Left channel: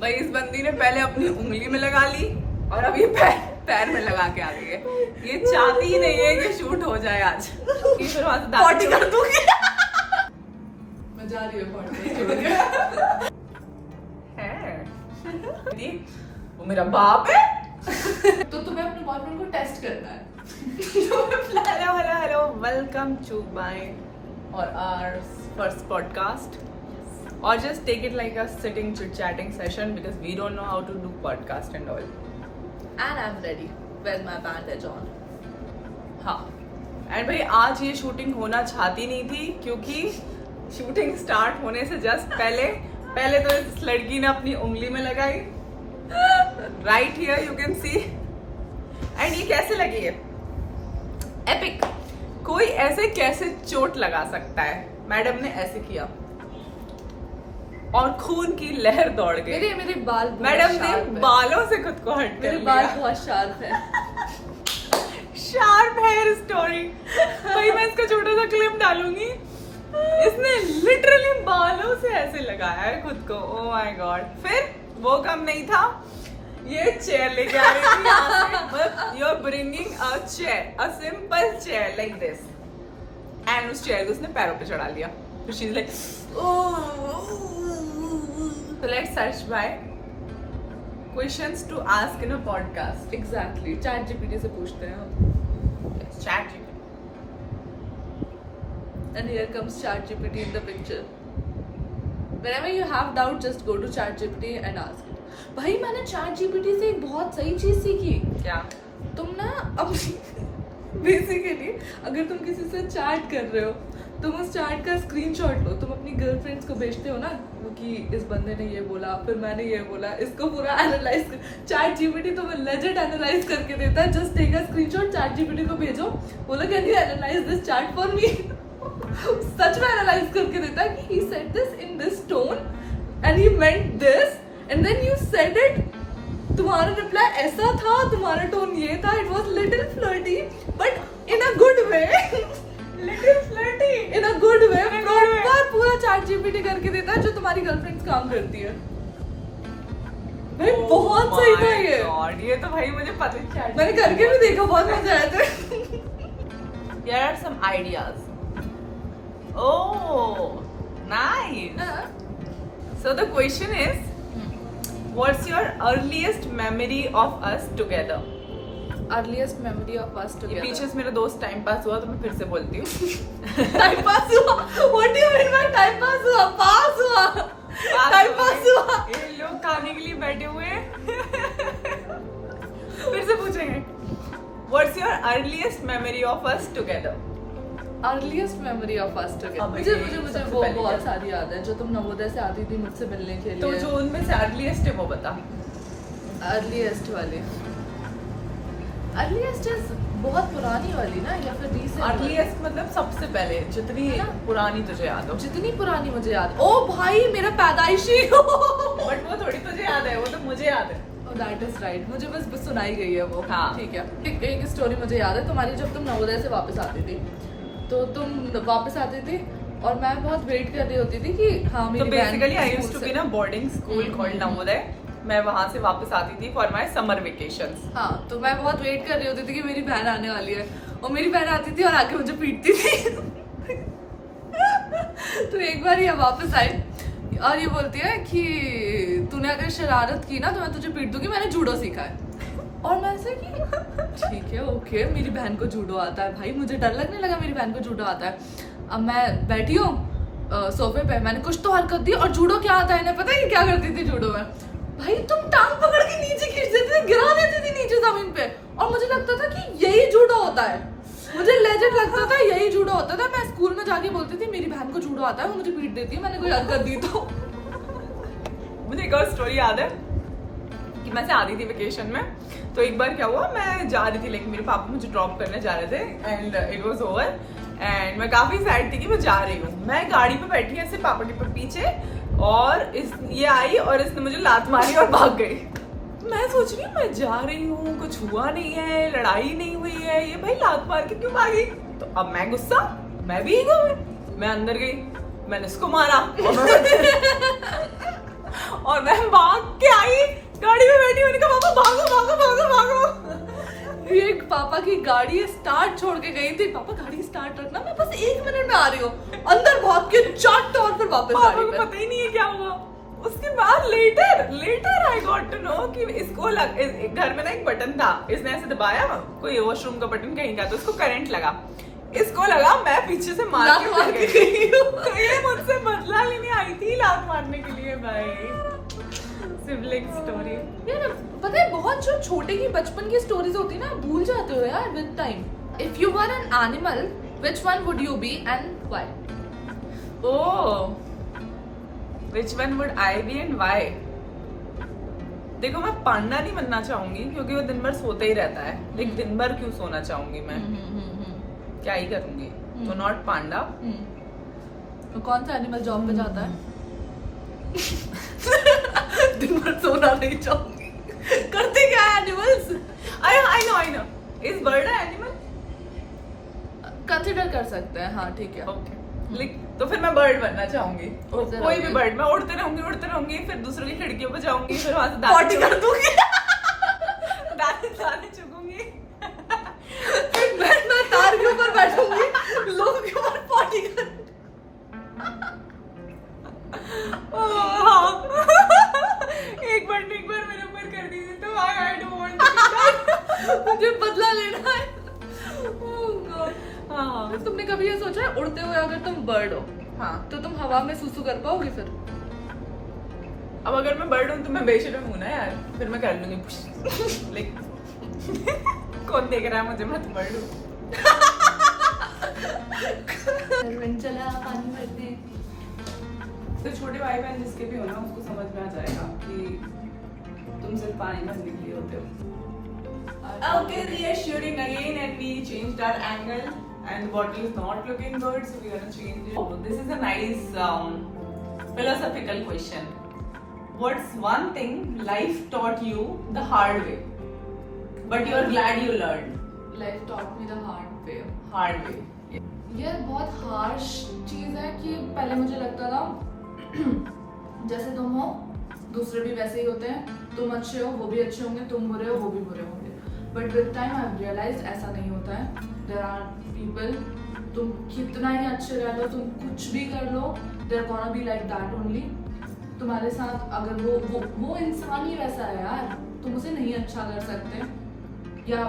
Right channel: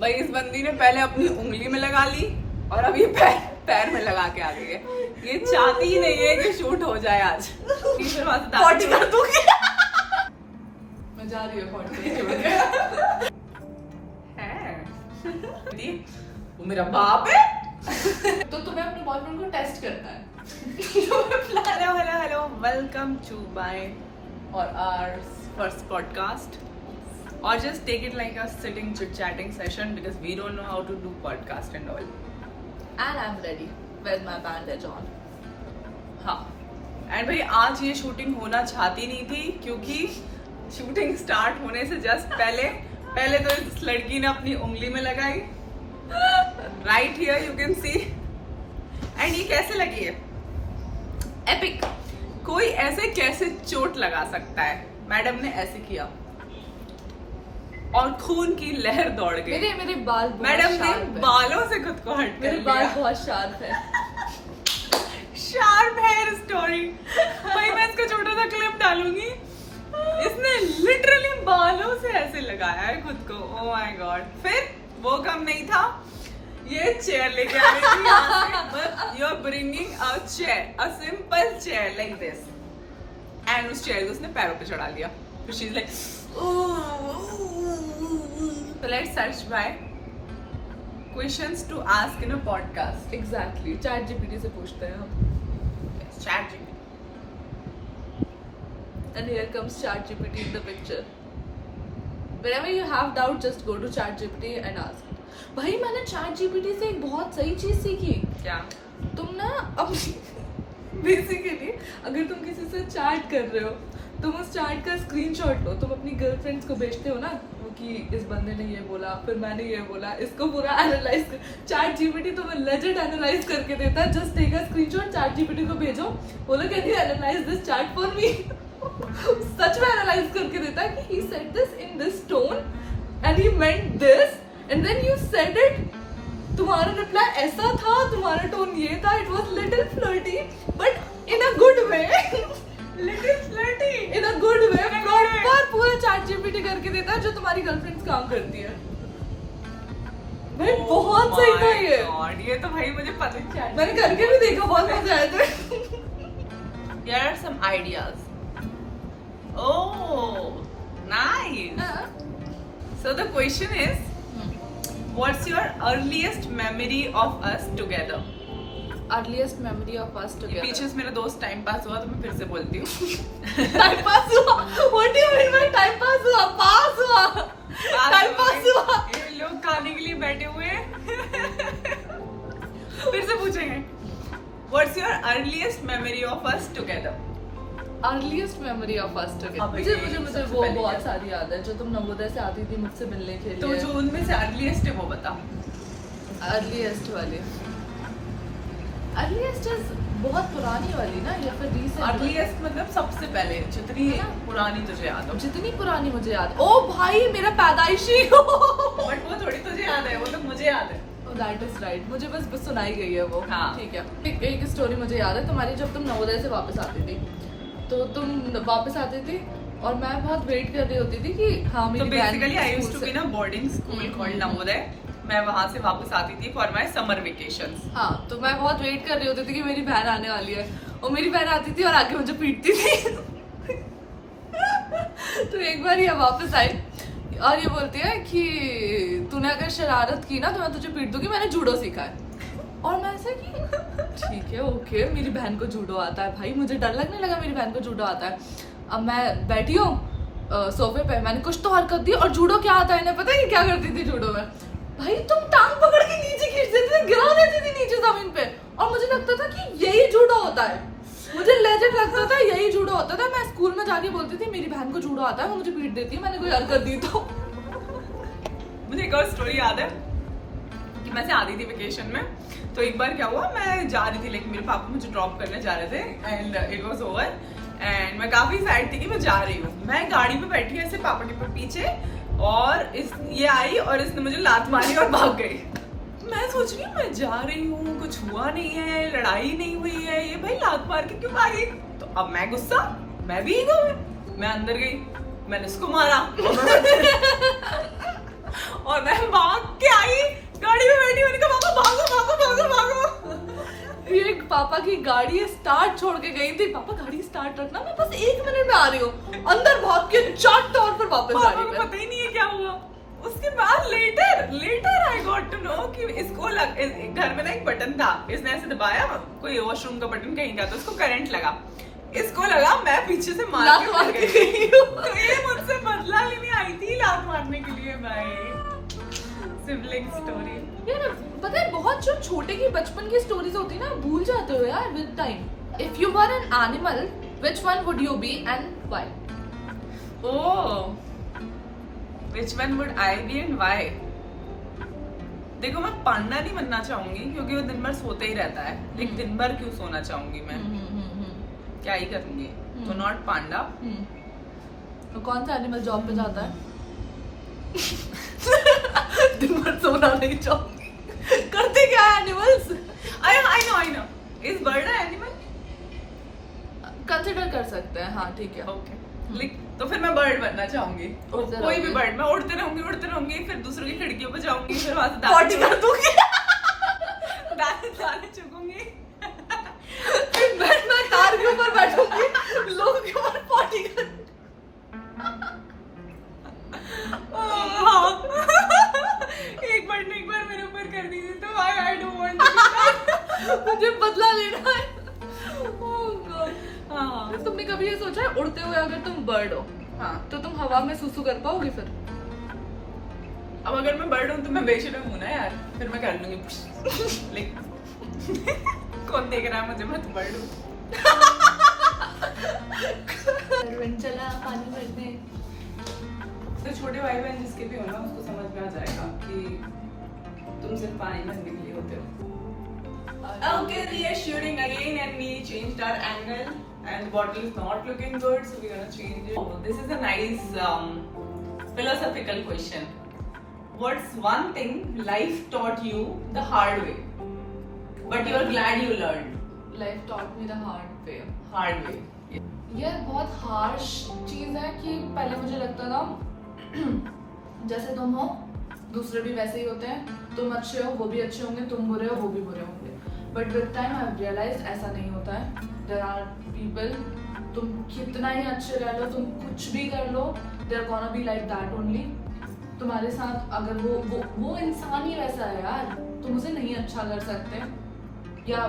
भाई इस बंदी ने पहले अपनी उंगली में लगा ली और अब ये पैर में लगा के आ गई है। ये चाहती ही नहीं है कि शूट हो जाए आज। फिर वहां से पॉटी कर दूंगी। मैं जा रही हूँ पॉटी छोड़ के। है वो मेरा बाप है। तो तुम्हें अपने बॉयफ्रेंड को टेस्ट करना है। Hello hello hello, welcome to my or our first podcast, or just take it like a sitting chit chatting session because we don't know how to do podcast and all. And I'm ready with my bandage on. हाँ, and भाई आज ये shooting होना चाहती नहीं थी क्योंकि shooting start होने से जस्ट पहले तो इस लड़की ने अपनी उंगली में लगाई, right here you can see. And ये कैसे लगी है? एपिक। कोई ऐसे कैसे चोट लगा सकता है? मैडम ने ऐसे किया और खून की लहर दौड़ गई। मेरे बाल मैडम ने बालों से खुद को हट मेरे बाल बहुत शार्प है। Sharp hair story. भाई मैं इसका छोटा सा क्लिप डालूंगी। इसने लिटरली बालों से ऐसे लगाया है खुद को। Oh my God. फिर वो कम नहीं था, ये चेयर लेके आ रही थी। You are bringing a chair, a simple chair like this, and उस चेयर को उसने पैरों पे चढ़ा लिया। तो she is like, so let's search by questions to ask in a podcast. Exactly. ChatGPT से पूछते हैं हम। Chat. And here comes ChatGPT in the picture. Whenever you have doubt, just go to ChatGPT and ask it. भाई मैंने ChatGPT से एक बहुत सही चीज सीखी। क्या? तुम ना अपनी बेसिकली अगर तुम किसी से चैट कर रहे हो, तुम उस चैट का स्क्रीनशॉट लो, तुम अपनी गर्लफ्रेंड्स को भेजते हो ना कि इस बंदे ने ये बोला, फिर मैंने ये बोला, इसको पूरा एनालाइज कर। चैट जीपीटी तुम्हें लेजेंड एनालाइज करके देता है। Just take a screenshot, ChatGPT को भेजो, बोलो can you analyze this chat for me. सच में एनालाइज करके देता है कि he said this in this tone and he meant this and then you said it. तुम्हारा रिप्लाई ऐसा था, तुम्हारा टोन ये था, it was little flirty but in a good way. Little flirty. In a good way. Proper पूरा chat GPT करके देता है जो तुम्हारी गर्लफ्रेंड्स काम करती है। भाई बहुत सही था ये। God, ये तो भाई मुझे पता ही। मैंने करके भी देखा, बहुत मजा आया था। Here are some ideas. Oh, nice. So the question is, what's your earliest memory of us together? Earliest memory of us together. पीछे से मेरा दोस्त टाइम पास हुआ तो मैं फिर से बोलती हूँ। टाइम पास हुआ? What do you mean by time pass हुआ? पास हुआ, टाइम पास हुआ। ये लोग खाने के लिए बैठे हुए हैं। फिर से पूछेंगे, what's your earliest memory of us together? Earliest memory of us together. मुझे वो बहुत सारी याद है जो तुम नवोदय से आती थी मुझसे मिलने के लिए। तो जो उनमें से अर्लीस्ट है वो बता। अर्लीस्ट वाली, अर्लीस्ट इज बहुत पुरानी वाली ना, या फिर रीसेंट? अर्लीस्ट मतलब सबसे पहले, जितनी पुरानी तुझे याद हो। जितनी पुरानी मुझे याद। ओ भाई मेरा पैदाइशी। बट वो थोड़ी तुझे याद है, वो तो मुझे याद है। दैट इज राइट, मुझे बस सुनाई गई है वो। हाँ। ठीक है। एक स्टोरी मुझे याद है तुम्हारी, जब तुम नवोदय से वापस आती थी, तो तुम वापस आती थी और मैं बहुत वेट कर रही होती थी कि हाँ मेरी बहन। Basically I used to be ना बोर्डिंग स्कूल कॉल्ड नवोदय। मैं वहां से वापस आती थी फॉर माय समर वेकेशंस। हाँ, तो मैं बहुत वेट कर रही होती थी कि मेरी बहन आने वाली है, और मेरी बहन आती थी और आके मुझे पीटती थी। तो एक बार ये वापस आई और ये बोलती है कि तूने अगर शरारत की ना तो मैं तुझे पीट दूंगी, मैंने जूडो सीखा है। और मैं ऐसे कि ठीक है ओके, मेरी बहन को जूडो आता है। भाई मुझे डर लगने लगा, मेरी बहन को जूडो आता है। अब मैं बैठी हूँ सोफे पे, मैंने कुछ तो हरकत दी और जूडो क्या आता है इन्हें पता है कि क्या करती थी जूडो में? भाई तुम टांग पकड़ के नीचे खींच देते थे, गिरा देती थी नीचे जमीन पे, और मुझे लगता था कि यही जूडो होता है। मुझे लेजेंड लगता था यही जूडो होता था। मैं स्कूल में जाके बोलती थी मेरी बहन को जूडो आता है, वो मुझे पीट देती है, मैंने कोई हरकत दी तो। मुझे एक और स्टोरी याद है कि मैं से आती थी वेकेशन में, तो एक बार क्या हुआ, मैं जा रही थी, लेकिन मेरे पापा मुझे ड्रॉप करने जा रहे थे and it was over and मैं काफी सैड थी कि मैं जा रही हूँ। मैं गाड़ी पे बैठी ऐसे पापा के पीछे, और ये आई और इसने मुझे लात मारी और भाग गई। मैं सोच रही हूँ मैं जा रही हूँ, कुछ हुआ नहीं है, लड़ाई नहीं हुई है, ये भाई लात मार के क्यों भागी? तो अब मैं गुस्सा, मैं भी ईगो में, मैं अंदर गई, मैंने इसको मारा गाड़ी स्टार्ट छोड़ के गई थी, पापा गाड़ी स्टार्ट रखना, मैं बस 1 मिनट में आ रही हूँ, अंदर भाग के चाट तौर पर वापस पापा गाड़ी को में। पता ही नहीं है क्या हुआ। उसके बाद later I got to know कि इसको घर में ना एक बटन था, इसने ऐसे दबाया, कोई वॉशरूम का बटन कहीं का, तो उसको करंट लगा, इसको लगा मैं पीछे से मार लात मार के गई हूँ। तो ये मुझसे बदला लेने आई थी लात मारने के लिए। भाई सिबलिंग स्टोरी। यार पता है बहुत जो छोटे की बचपन की स्टोरीज होती है ना, भूल जाते हो यार with time. If you were an animal which one would you be and why? Oh, which one would I be and why? देखो मैं पांडा नहीं बनना चाहूंगी क्योंकि वो दिन भर सोते ही रहता है। देख दिन भर क्यों सोना चाहूंगी मैं, क्या ही करूंगी, तो नॉट पांडा। तो कौन सा एनिमल जॉब पे जाता है? दिन भर सोना नहीं चाहूंगी। करते क्या है animals? I know is bird an animal? Consider कर सकते हैं, हाँ ठीक है। Okay. तो फिर मैं बर्ड बनना चाहूंगी, कोई भी बर्ड। मैं उड़ते रहूंगी, फिर दूसरों की खिड़कियों पे जाऊंगी, फिर वहां से पॉटी कर दूंगी। दाने चुगूंगी, मैं तार के ऊपर बैठूंगी, लोगों के ऊपर पॉटी कर। एक बार मेरे ऊपर कर दी तो आई डोंट वांट, मुझे बदला लेना है। Oh God. हाँ तुमने कभी ये सोचा है उड़ते हुए अगर तुम बर्ड हो हाँ, तो तुम हवा में सुसु कर पाओगे फिर? अब अगर मैं बर्ड हूँ तो मैं बेशर्म हूँ ना यार, फिर मैं कर लूंगी। लाइक कौन देख रहा है मुझे, मैं तो बर्ड हूँ। चला पानी भरने। तो छोटे भाई बहन जिसके भी हो ना, उसको समझ में आ जाएगा कि तुम सिर्फ पानी भरने के लिए होते हो। Okay, reassuring again, and we changed our angle, and the bottle is not looking good, so we're gonna change it. Oh, this is a nice philosophical question. What's one thing life taught you the hard way, but you're glad you learned? Life taught me the hard way. Hard way. यार बहुत harsh चीज है कि पहले मुझे लगता था जैसे तुम हो दूसरे भी वैसे ही होते हैं, तुम अच्छे हो वो भी अच्छे होंगे, तुम बुरे हो वो भी बुरे होंगे। But with time I have realised ऐसा नहीं होता है। देयर आर पीपल, तुम कितना ही अच्छे रह लो, तुम कुछ भी कर लो, they are gonna be like that only. तुम्हारे साथ अगर वो इंसान ही वैसा है यार, तुम उसे नहीं अच्छा कर सकते। या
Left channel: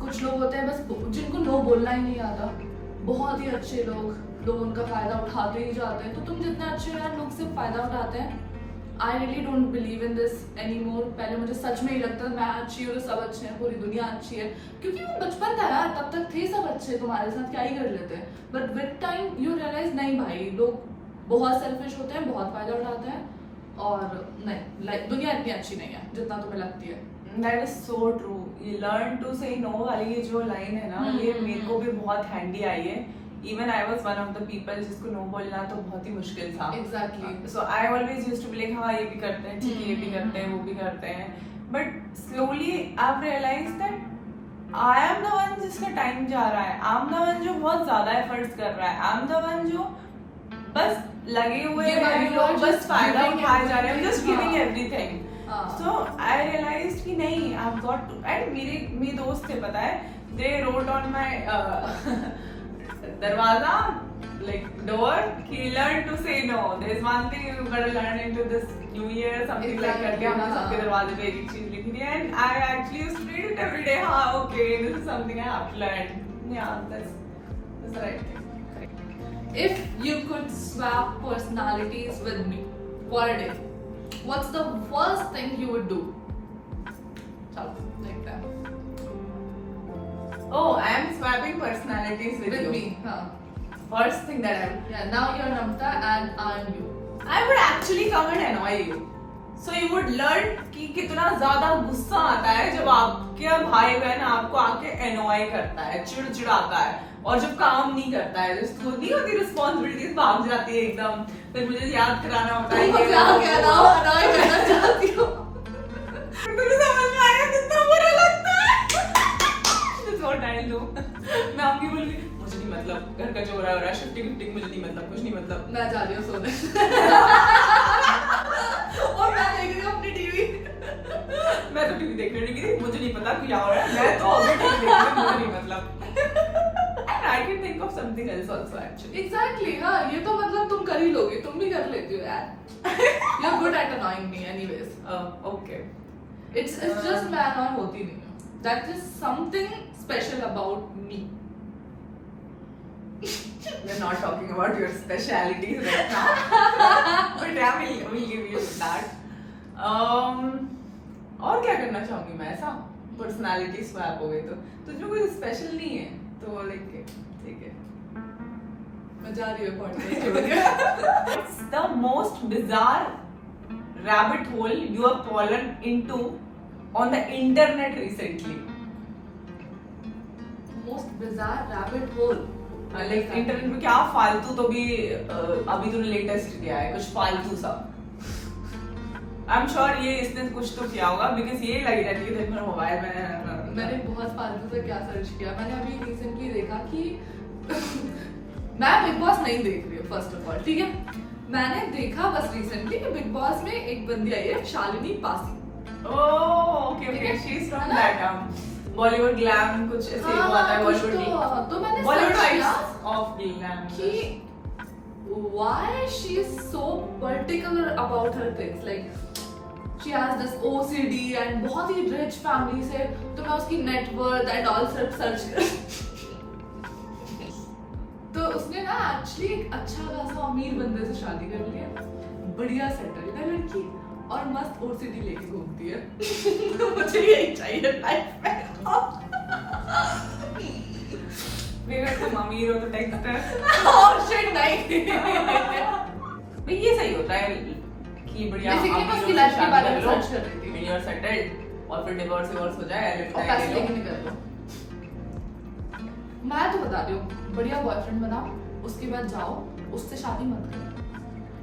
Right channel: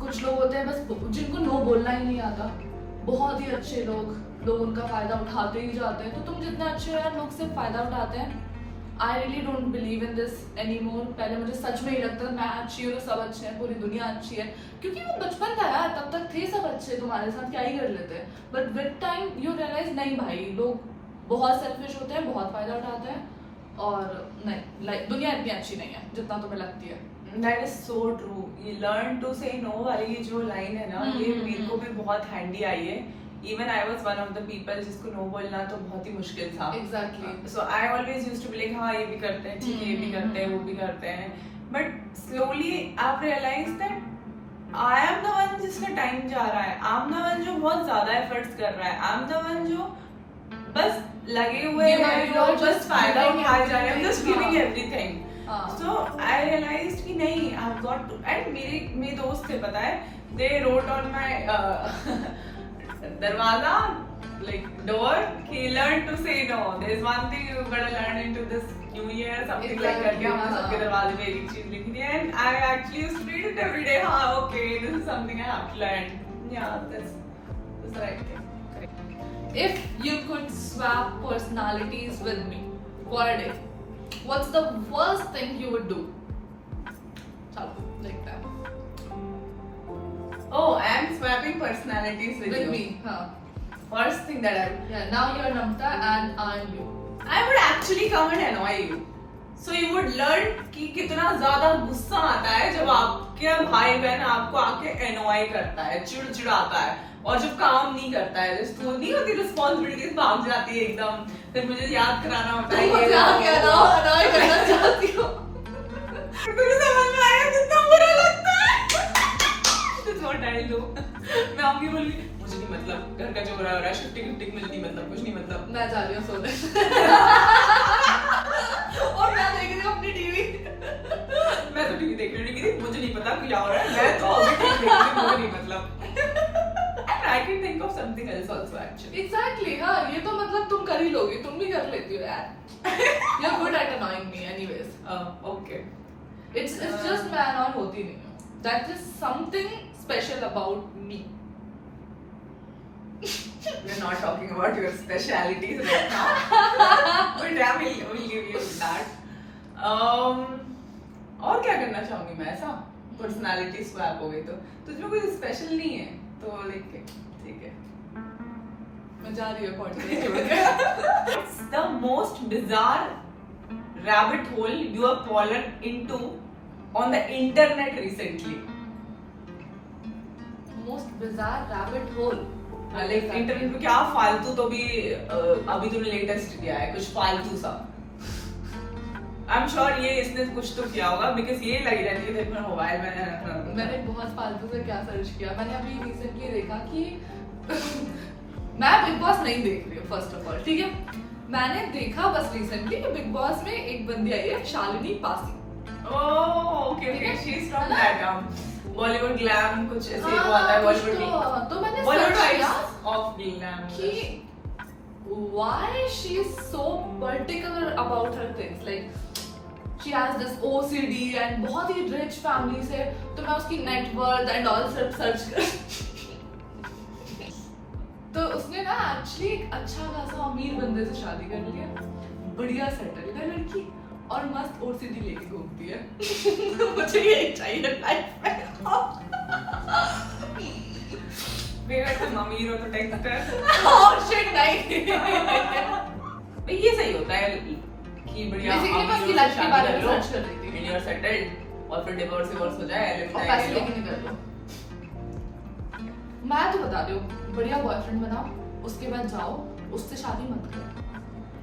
कुछ लोग होते हैं बस जिनको नो बोलना ही नहीं आता, बहुत ही अच्छे लोग उनका फायदा उठाते ही जाते हैं। तो तुम जितने अच्छे हो यार, लोग सिर्फ फायदा उठाते हैं। I really don't believe in this any more. पहले मुझे सच में ही लगता था मैं अच्छी हूँ तो सब अच्छे हैं, पूरी दुनिया अच्छी है, क्योंकि वो बचपन था यार, तब तक थे सब अच्छे, तुम्हारे साथ क्या ही कर लेते हैं। But with time you realise नहीं भाई, लोग बहुत सेल्फिश होते हैं, बहुत फायदा उठाते हैं, और नहीं लाइक दुनिया इतनी अच्छी नहीं है जितना तुम्हें लगती है। That is so true. You learn to say no वाली जो लाइन है ना, ये मेरे को भी बहुत हैंडी आई है। Even I was one of the people जिसको no बोलना तो बहुत ही मुश्किल था। Exactly. So I always used to be like, हाँ ये भी करते हैं, ठीक है ये भी करते हैं, वो भी करते हैं। But slowly I've realized that I am the one जिसका टाइम जा रहा है, I'm the one जो बहुत ज्यादा एफर्ट्स कर रहा है, I'm the one जो बस लगे हुए हैं, जो बस फायदा उठाए जा रहे हैं, just giving everything. So I realized कि नहीं, I've got to, and मेरे दोस्त थे पता है, they wrote on my दरवाजा like door, he learned to say no. There's one thing you better learn into this new year, something like that. हमने सबके दरवाजे पे एक चीज लिख दी, and I actually used to read it every day. हाँ, okay, this is something I have to learn. Yeah, that's the right thing. If you could swap personalities with me for a day, what's the first thing you would do? चलो देखते हैं। Oh, I am swapping personalities with you. me, हाँ. First thing that I would, Yeah, now you're Namta and I'm you. I would actually come and annoy you. So you would learn कि कितना ज्यादा गुस्सा आता है जब आपके भाई बहन आपको आके annoy करता है, चिड़चिड़ाता है, और जब काम नहीं करता है, जब नहीं होती रिस्पॉन्सिबिलिटीज भाग जाती है एकदम, फिर मुझे याद कराना होता है। तुम मुझे आके annoy करना चाहती हो। मुझे समझ में आया कितना बुरा लगता है। That's what I do. मैं आऊंगी बोलूंगी मुझे नहीं मतलब, घर का जो हो रहा है, शिफ्टिंग मिलती मतलब कुछ नहीं मतलब। मैं जा रही हूँ सोने। और मैं देख रही हूँ अपनी टीवी। मैं तो टीवी देख रही थी, मुझे नहीं पता क्या हो रहा है, मैं तो अभी टीवी देख रही हूँ, मुझे नहीं मतलब। एक्चुअली। एग्जैक्टली हाँ, ये तो मतलब तुम कर ही लोगे, तुम भी कर लेती हो यार। You are good at annoying me anyways. Okay, it's just मैं अनॉय होती नहीं हूँ, that is something special about me. we're not talking about your specialities right now, but yeah, we'll give you that. और क्या करना चाहूंगी मैं ऐसा, पर्सनालिटी स्वैप हो गई तो तुझमें कोई स्पेशल नहीं है तो लाइक ठीक है। मैं जा रही हूँ पॉडकास्ट छोड़ के। It's the most bizarre rabbit hole you have fallen into on the internet recently. Most bizarre rabbit hole. Like internet में क्या फालतू, तो भी अभी तूने लेटेस्ट किया है कुछ फालतू सा। आई एम श्योर ये इसने कुछ तो किया होगा, बिकॉज ये लगी रहती है दिन भर मोबाइल में। मैंने बहुत फालतू से क्या सर्च किया, मैंने अभी रिसेंटली देखा कि मैं बिग बॉस नहीं देख रही हूँ फर्स्ट ऑफ ऑल, ठीक है। मैंने देखा बस रिसेंटली कि बिग बॉस में एक बंदी आई है Shalini Pasi. Okay okay, she is from that Bollywood glam कुछ ऐसे ही हुआ था बॉलीवुड में। तो मैंने बॉलीवुड सर्च किया ऑफ ग्लैम कि why she is so particular about her things, like she has this OCD and बहुत ही rich family से, तो मैं उसकी net worth and all search कर तो उसने ना एक्चुअली एक अच्छा खासा अमीर बंदे से शादी कर लिया, बढ़िया सेटल है लड़की और मस्त OCD लेके घूमती है। मुझे यही चाहिए लाइफ में। मेरा तो अमीर हो तो टेक्स्टर। Oh shit, नहीं। भाई ये सही होता है कि बढ़िया बेसिकली मैं उसकी लाइफ के बारे में सर्च कर रही थी, वीडियो सेटल्ड और फिर डिवोर्स हो जाए और पैसे लेके निकल लो। मैं तो बता रही हूँ, बढ़िया बॉयफ्रेंड बनाओ, उसके बाद जाओ, उससे शादी मत करो,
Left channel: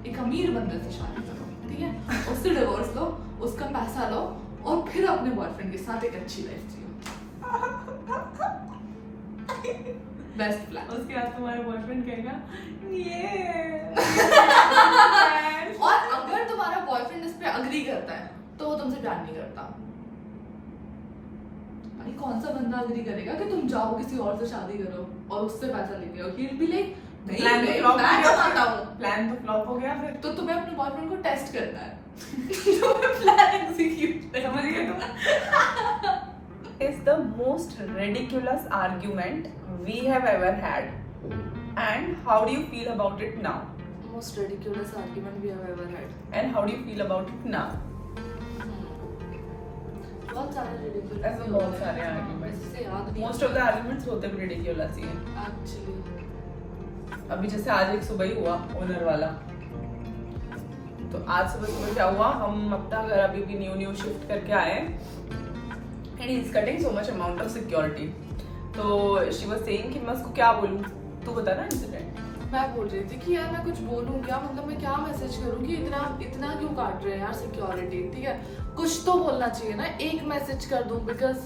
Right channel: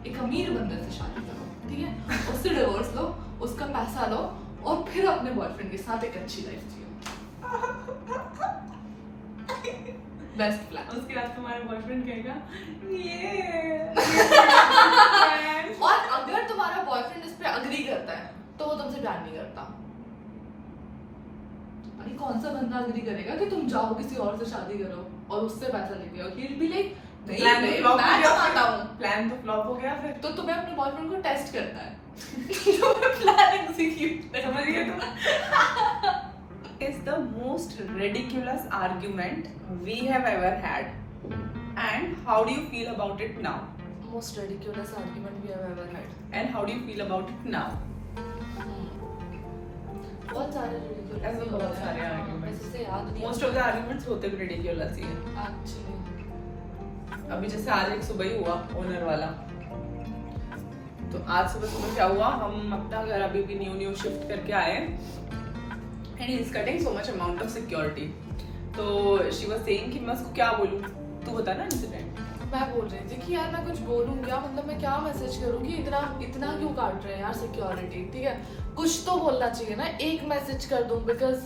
एक अमीर बंदे से शादी करो, ठीक है। उससे डिवोर्स लो, उसका पैसा लो और फिर अपने बॉयफ्रेंड के साथ एक अच्छी लाइफ जियो। Best plan. उसके बाद तुम्हारा बॉयफ्रेंड कहेगा ये और अगर तुम्हारा बॉयफ्रेंड इस पे अग्री करता है तो वो तुमसे प्यार नहीं करता। भाई कौन सा बंदा अग्री करेगा कि तुम जाओ किसी और से शादी करो और उससे पैसा लेके आओ? He'll be like, नहीं मैं कमाता हूँ। प्लान तो फ्लॉप हो गया फिर। तो तुम्हें अपने बॉयफ्रेंड को टेस्ट करना है। तुम्हें प्लान एग्जीक्यूट समझ गए तुम? Is the most ridiculous argument we have ever had, and how do you feel about it now? Most ridiculous argument we have ever had. And how do you feel about it now? बहुत सारे ridiculous ऐसे बहुत सारे arguments. मुझसे याद नहीं। Most of the arguments होते भी ridiculous ही हैं। Actually. अभी जैसे आज एक सुबह ही हुआ ओनर वाला, तो आज सुबह क्या हुआ, हम अपना घर अभी भी न्यू शिफ्ट करके आए and he is cutting so much amount of security. तो she was saying कि मैं उसको क्या बोलूँ, तू बता ना इंसिडेंट। मैं बोल रही थी कि यार मैं कुछ बोलूँ क्या, मतलब मैं क्या मैसेज करूँ कि इतना क्यों काट रहे हैं यार सिक्योरिटी, ठीक है। कुछ तो बोलना चाहिए ना, एक मैसेज कर दूँ बिकॉज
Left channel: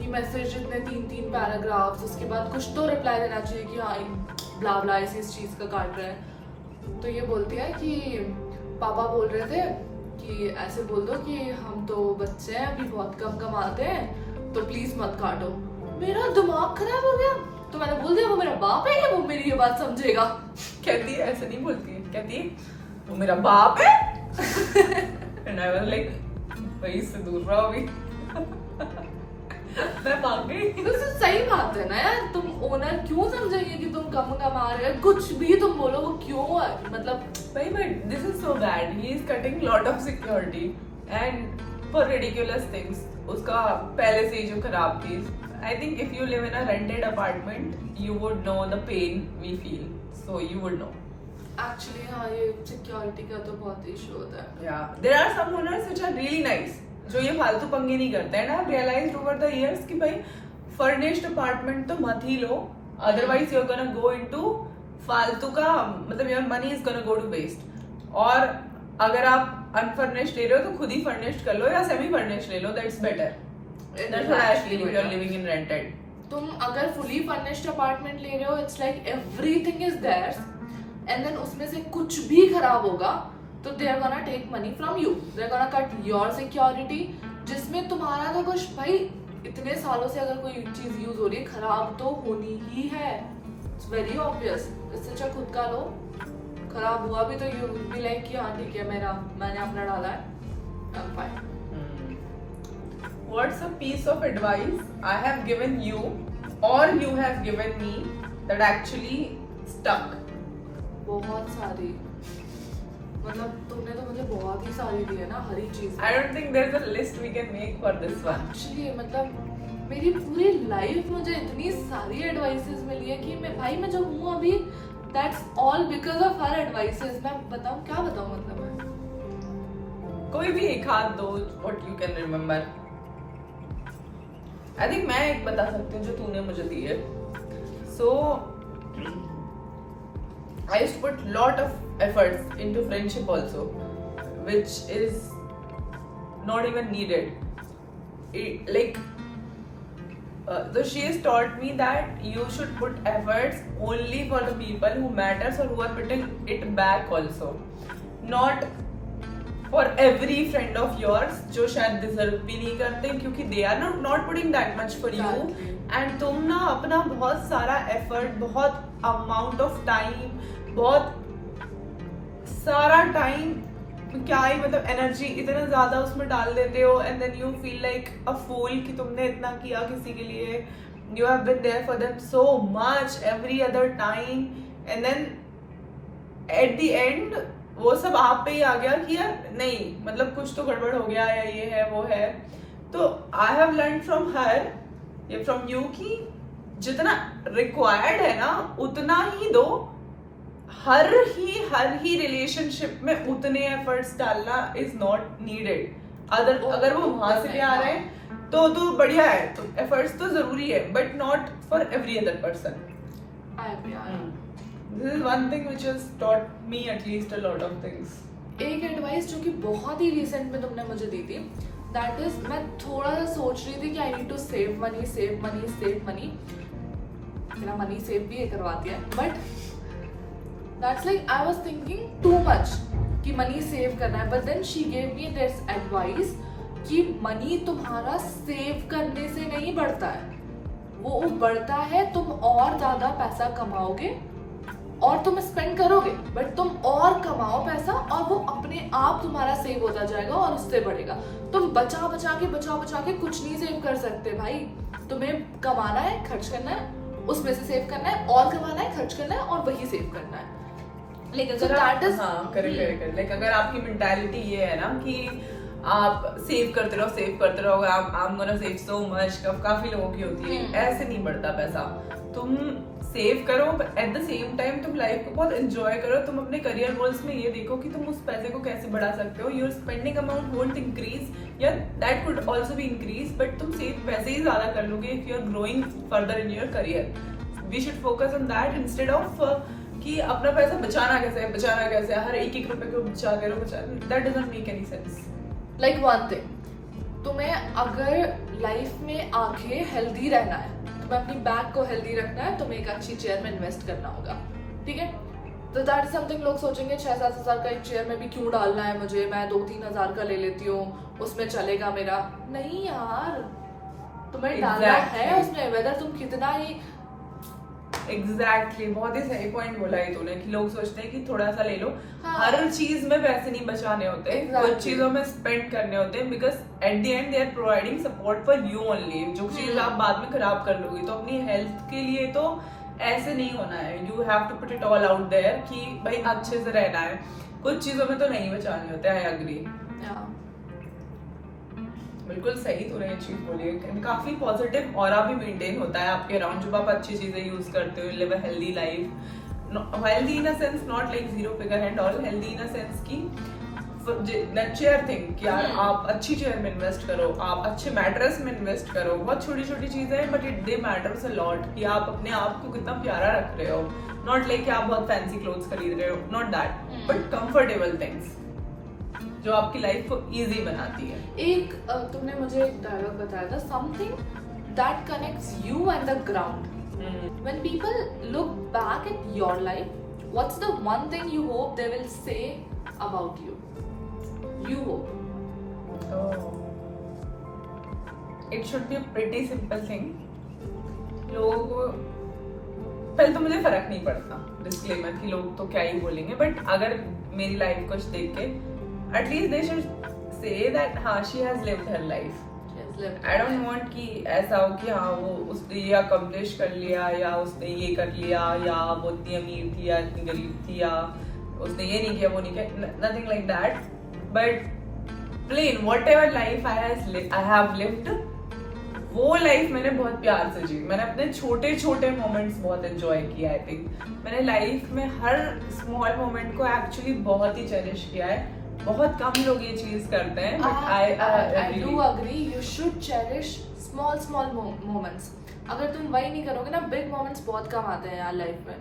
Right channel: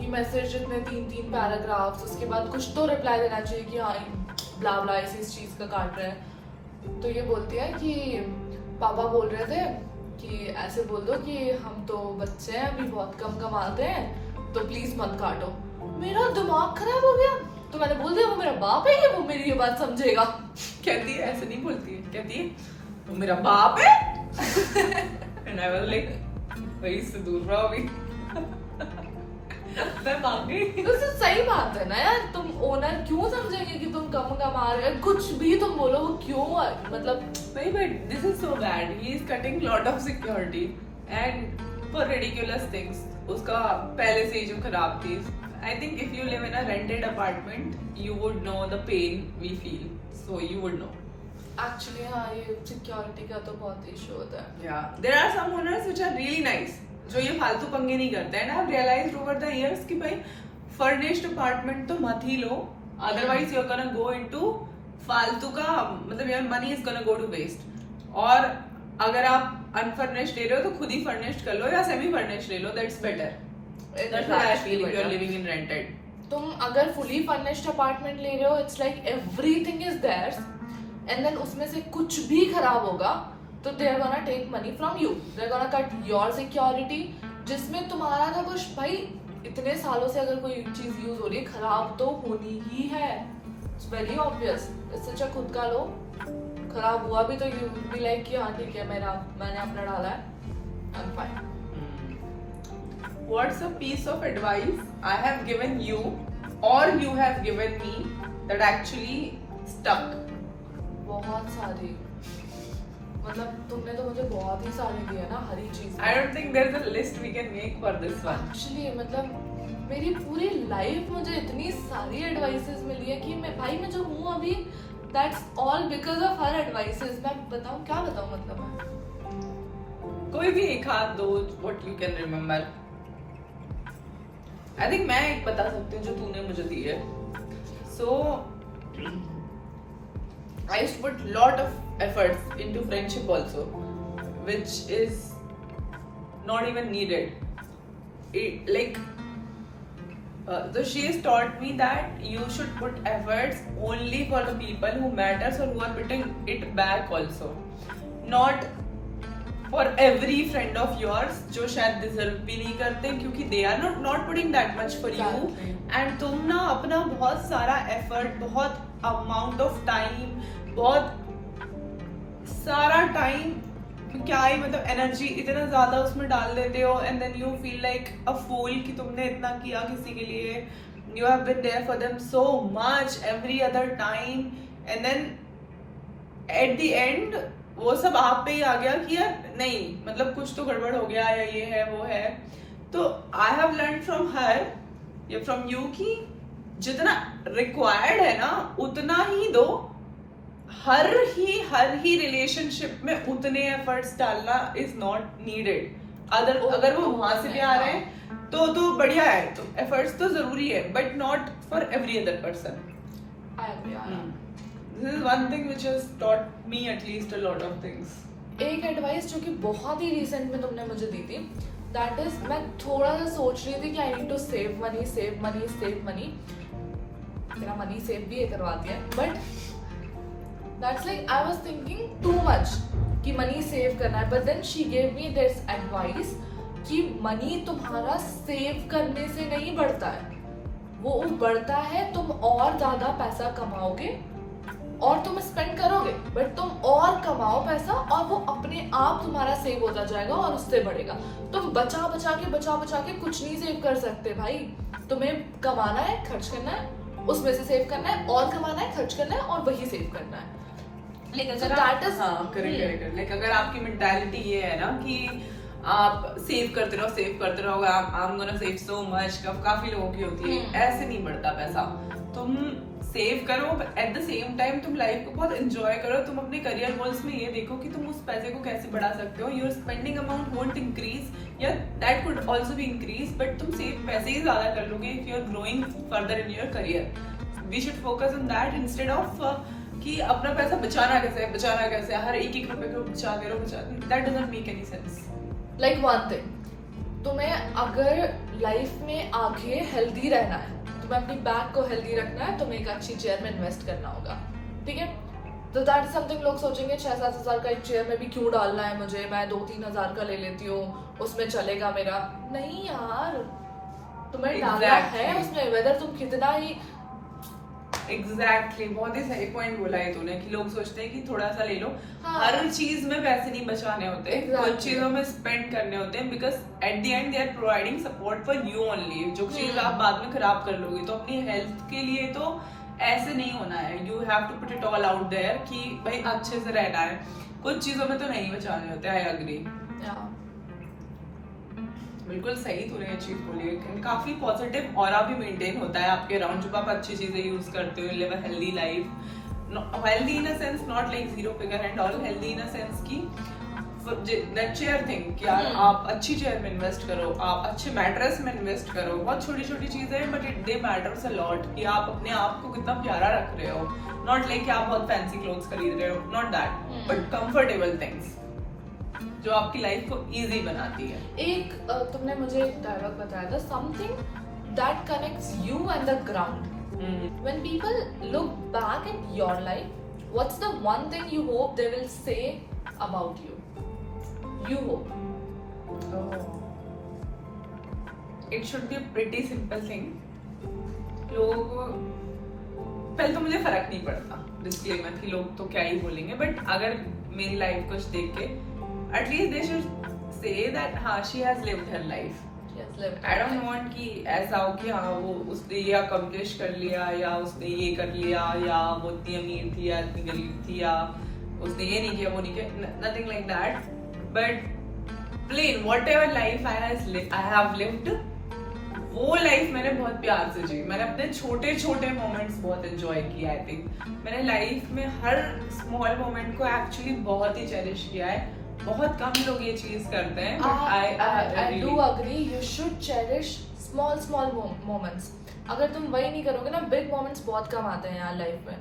ये मैसेज इतने 3 पैराग्राफ्स, उसके बाद कुछ तो रिप्लाई देना चाहिए कि हाँ ब्ला ब्ला इस चीज़ का काट रहे हैं। तो ये बोलती है कि पापा बोल रहे थे कि ऐसे बोल दो कि हम तो बच्चे हैं अभी बहुत कम कमाते हैं तो प्लीज मत काटो। मेरा दिमाग खराब हो गया, तो मैंने बोल दिया वो मेरा बाप है कि वो मेरी ये बात समझेगा। कहती है ऐसे नहीं बोलती है, कहती है वो मेरा बाप है। And I was like, भाई इससे दूर रहो अभी। मैं भाग गई। तो सही बात है ना यार, तुम ओनर क्यों समझेंगे कि तुम कम कमा रहे हो, कुछ भी तुम बोलो वो क्यों मतलब। भाई but this is so bad. He is cutting lot of security and for ridiculous things. उसका पहले से ही जो खराब थी। I think if you live in a rented apartment, you would know the pain we feel. So you would know. Actually हाँ, ये security का तो बहुत इशू होता है। Yeah, there are some owners which are really nice. जो ये फालतू पंगे नहीं करते हैं ना। I've realized over the years कि भाई furnished apartment तो मत ही लो, otherwise you're gonna go into फालतू का, मतलब your money is gonna go to waste. और अगर आप unfurnished ले रहे हो तो खुद ही furnished कर लो या semi furnished ले लो, that's better. That's what I feel if you're living in rented. तुम अगर fully furnished apartment ले रहे हो, it's like everything is theirs, and then उसमें से कुछ भी खराब होगा तो they're gonna take money from you. They're gonna cut your security, जिसमें तुम्हारा तो कुछ भाई इतने सालों से अगर कोई चीज यूज हो रही है खराब तो होनी ही है। इट्स वेरी ऑब्वियस, इससे अच्छा खुद का लो, खराब हुआ भी तो यू बी लाइक कि हाँ ठीक है मैंने अपना डाला है, I am fine. What's a piece of advice I have given you or you have given me that actually stuck? बहुत सारी, मतलब तुमने तो मुझे बहुत ही सारी दी है ना, हर एक चीज. I don't think there's a list we can make for this one. Actually मतलब मेरी पूरी लाइफ मुझे इतनी सारी एडवाइसेस मिली है कि मैं जो हूँ अभी, that's all because of her advices. मैं बताऊँ क्या बताऊँ, मतलब मैं कोई भी एक हाथ दो what you can remember. I think मैं एक बता सकती हूँ जो तूने मुझे दी है. So I used to put lot of efforts into friendship also, which is not even needed. So she has taught me that you should put efforts only for the people who matters or who are putting it back also, not for every friend of yours जो शायद deserve भी नहीं करते, क्योंकि they are not putting that much for you. And तुम ना अपना बहुत सारा effort, बहुत amount of time, बहुत सारा टाइम, क्या ही मतलब एनर्जी इतना ज्यादा उसमें डाल देते हो, and then you feel like a fool कि तुमने इतना किया किसी के लिए, you have been there for them so much every other time, and then at the end वो सब आप पे ही आ गया कि यार नहीं, मतलब कुछ तो गड़बड़ हो गया, या ये है वो है. तो I have learn from her या फ्रॉम यू कि जितना रिक्वायर्ड है ना उतना ही दो. हर ही रिलेशनशिप में उतने एफर्ट्स डालना इज नॉट नीडेड. अगर वो वहां से भी आ रहे हैं तो बढ़िया है, तो एफर्ट्स तो जरूरी है, but not for every other person. This is one thing which has taught me at least a lot of things. एक एडवाइस जो कि बहुत ही रिसेंट में तुमने मुझे दी थी, दैट इज मैं थोड़ा सा सोच रही थी कि I need to save money. मेरा मनी सेव भी करवा दिया, but that's like I was thinking too much कि मनी सेव करना है, but then she gave me this advice कि मनी तुम्हारा सेव करने से नहीं बढ़ता है, वो बढ़ता है तुम और ज्यादा पैसा कमाओगे और तुम स्पेंड करोगे, बट तुम और कमाओ पैसा और वो अपने आप तुम्हारा सेव होता जाएगा और उससे बढ़ेगा. तुम बचा बचा के कुछ नहीं सेव कर सकते भाई. तुम्हें कमाना है, खर्च करना है, उसमें से सेव करना है, और कमाना है, खर्च करना है, और वही सेव करना है. लाइक अगर आपकी मेंटालिटी ये है ना कि आप सेव करते रहो, I'm gonna save so much, काफी लोगों की होती है, ऐसे नहीं बढ़ता पैसा. तुम सेव करो, एट द सेम टाइम तुम लाइफ को बहुत एंजॉय करो. तुम अपने करियर गोल्स में ये देखो कि तुम उस पैसे को कैसे बढ़ा सकते हो. Your spending amount won't increase, या that could also be increase, but तुम सेव पैसे ही ज्यादा कर लोगे if you are growing further in your career. We should focus on that instead of कि अपना पैसा बचाना कैसे, हर एक रुपए को बचाते रहो. That doesn't make any sense. Like one thing, तुम्हें अगर लाइफ में आगे हेल्दी रहना है, तुम्हें अपनी बैग को हेल्दी रखना है, तुम्हें एक अच्छी चेयर में इन्वेस्ट करना होगा, ठीक है. तो दैट इज समथिंग, लोग सोचेंगे 6-7 हज़ार का एक चेयर में भी क्यों डालना है मुझे, मैं 2-3 हज़ार का ले लेती हूँ, उसमें चलेगा मेरा. नहीं यार, तुम्हें डालना है उसमें, वेदर तुम कितना ही. एग्जैक्टली बहुत ही सही पॉइंट बोला है तूने कि लोग सोचते हैं कि थोड़ा सा ले लो. हाँ. हर चीज में पैसे नहीं बचाने होते, कुछ चीजों में स्पेंड करने होते हैं, because at the end they are providing support for you only. जो चीज आप बाद में खराब कर लोगे, तो अपनी हेल्थ के लिए तो ऐसे नहीं होना है. You have to put it all out there कि भाई अच्छे से रहना है. कुछ चीजों में तो नहीं बचाने होते. I agree. बिल्कुल सही तूने ये चीज बोली है. काफी पॉजिटिव ऑरा भी मेंटेन होता है आपके अराउंड जब आप अच्छी चीजें यूज करते हो. Live a healthy life, healthy in a sense not like zero figure and all, healthy in a sense की चेयर थिंग कि यार आप अच्छी चेयर में इन्वेस्ट करो, आप अच्छे मैट्रेस में इन्वेस्ट करो. बहुत छोटी छोटी चीजें हैं but it they matters a lot कि आप अपने आप को कितना प्यारा रख रहे हो. नॉट लाइक आप बहुत फैंसी क्लोथ्स खरीद रहे हो, not that, but comfortable things जो आपकी लाइफ को इजी बनाती है. एक तुमने मुझे एक डायलॉग बताया था, something that connects you and the ground. When people look back at your life, what's the one thing you hope they will say about you? You hope. It should be a pretty simple thing. लोगों को पहले तो मुझे फर्क नहीं पड़ता disclaimer कि लोग तो क्या ही बोलेंगे, बट अगर मेरी लाइफ कुछ देख के at least they should say that हाँ she has lived her life. I don't want कि ऐसा हो कि हाँ वो उसने ये अकम्प्लिश कर लिया या उसने ये कर लिया या वो इतनी अमीर थी या इतनी गरीब थी या उसने ये नहीं किया वो नहीं किया, nothing like that, but plain whatever life I have lived वो लाइफ मैंने बहुत प्यार से जी। मैंने अपने छोटे छोटे मोमेंट्स बहुत एंजॉय किया। आई थिंक मैंने लाइफ में हर स्मॉल मोमेंट को एक्चुअली बहुत ही चेरिश किया है। बहुत कम लोग ये चीज करते हैं। I do agree. You should cherish small moments. अगर तुम वही नहीं करोगे ना, big moments बहुत कम आते हैं यार लाइफ में।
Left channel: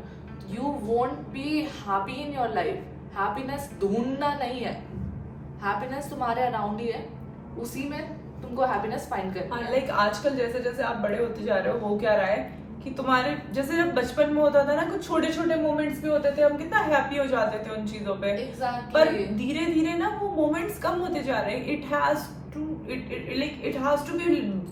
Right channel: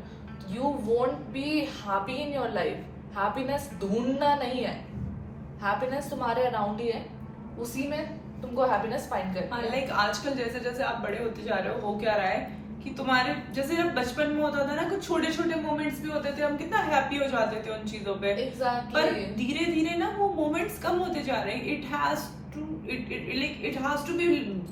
You won't be happy in your life. Happiness ढूंढना नहीं है, happiness तुम्हारे अराउंड ही है, उसी में तुमको हैप्पीनेस फाइंड करनी है। लाइक आजकल जैसे जैसे आप बड़े होते जा रहे हो, हो क्या रहा है कि तुम्हारे जैसे जब बचपन में होता था ना, कुछ छोटे छोटे मोमेंट्स भी होते थे, हम कितना हैप्पी हो जाते थे उन चीजों पे। Exactly. पर धीरे धीरे ना वो मोमेंट्स कम होते जा रहे हैं। It has to be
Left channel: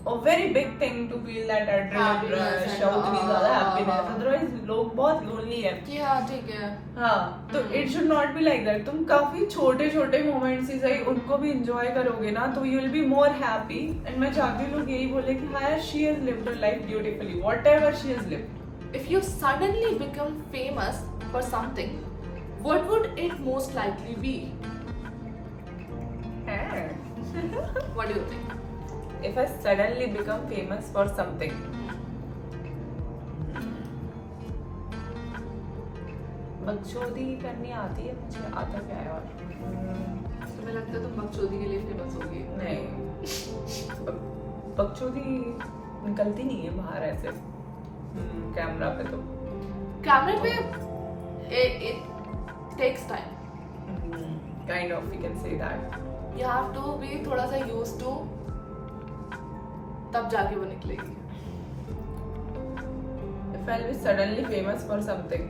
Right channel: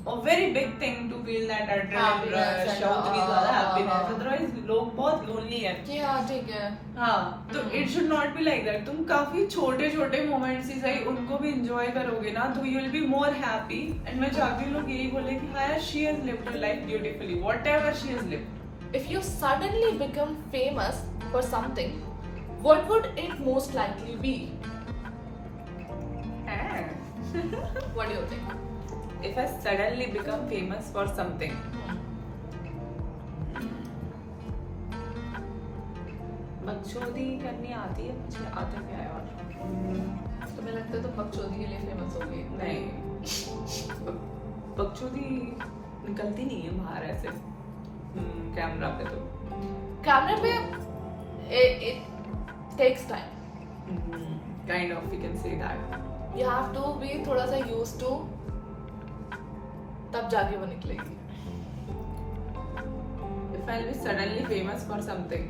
a very big thing to feel that adrenaline rush और उतनी ज्यादा हैप्पीनेस, अदरवाइज लोग बहुत लोनली है कि हाँ ठीक है। हाँ, तो it should not be like that. तुम काफी छोटे छोटे मोमेंट्स ही सही उनको भी एंजॉय करोगे ना, तो you will be more happy. And मैं चाहती हूँ लोग यही बोले कि हाँ she has lived her life beautifully, whatever she has lived. If you suddenly become famous for something, what would it most likely be? What do you think? If I suddenly become famous for something, बकचोदी करनी आती है मुझे, आता क्या है और तुम्हें लगता है तुम बकचोदी के लिए फेमस होगी? नहीं, बकचोदी निकलती नहीं है बाहर ऐसे कैमरा पे। तो कैमरे पे it takes time. Kind of, we can say that. You have to be थोड़ा सा used to, तब जाके वो निकलेगी। If I'll be suddenly famous for something,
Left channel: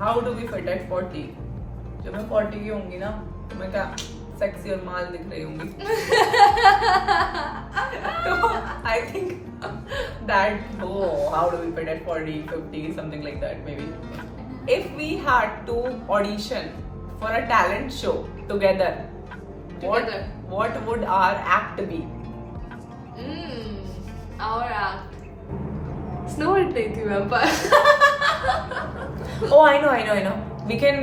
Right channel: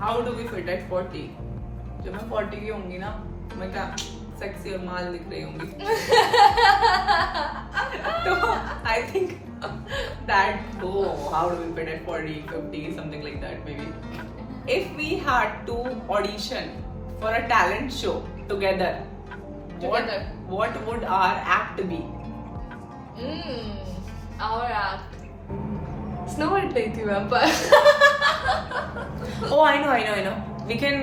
how do we fit at 40? जब मैं 40 की होंगी ना, तो मैं क्या सेक्सी और माल दिख रही होंगी। तो I think that how do we fit at 40, 50, something like that maybe. If we had to audition for a talent show together, what would our act be? Our act. Snow White नहीं थी vampire. Oh, I know. We can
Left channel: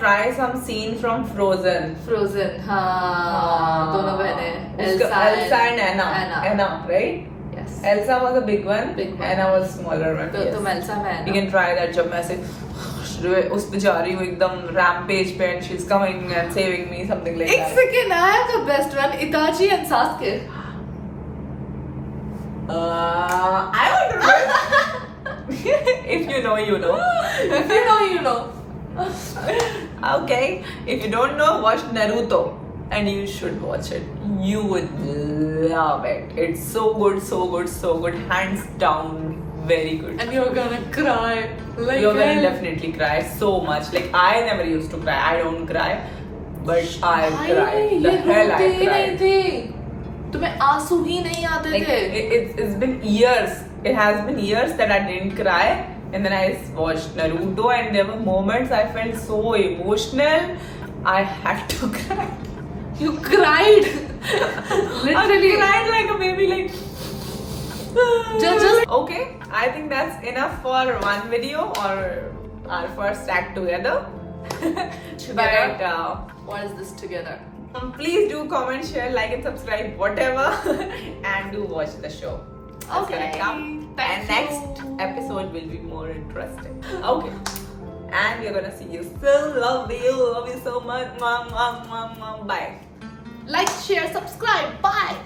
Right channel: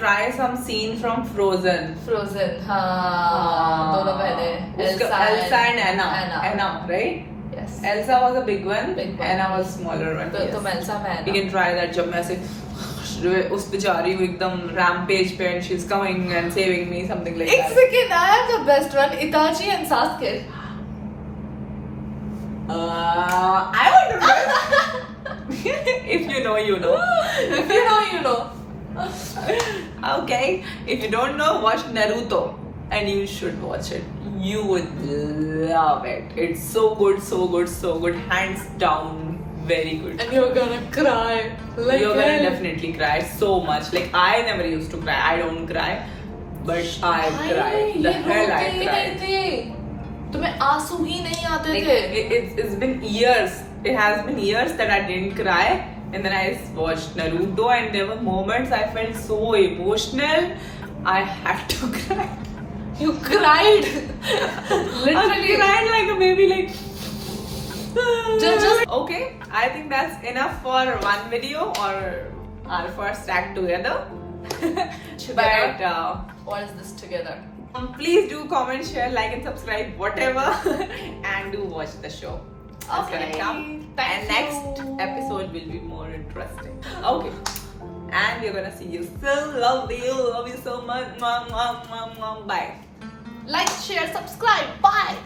try some scene from Frozen. Frozen, हाँ, दोनों बहनें, Elsa and Anna, right? Yes. Elsa was a big one. Big one. Anna was smaller one. तो तुम Elsa मैं We can try that. जब मैं ऐसे उस पे जा रही हूँ एकदम rampage पे and she's coming and saving me, something like एक that. second, I have the best one, Itachi and Sasuke. I would do it. If you know, you know. If you know, you know. Okay, if you don't know, watch Naruto, and you should watch it. You would love it. It's so good, hands down, very good. And you're gonna cry. Like You're gonna definitely cry so much. Like I never used to cry. I don't cry, but I cry. The ये hell I रोते ही नहीं cry. थे, तुम्हें आंसू ही नहीं आते Like, थे। it's been years. It has been years that I didn't cry. And then I watched Naruto, and there were moments I felt so emotional. I had to cry. You cried. Literally. I cried like a baby, like. Just. Okay, I think that's enough for one video or our first act together. But What is this together? please do comment, share, like, and subscribe, whatever, and do watch the show. That's Okay. gonna come. Thank And next you. episode will be more interesting. Okay. And we're gonna see you soon. Love you so much. Bye. Like, share, subscribe. Bye.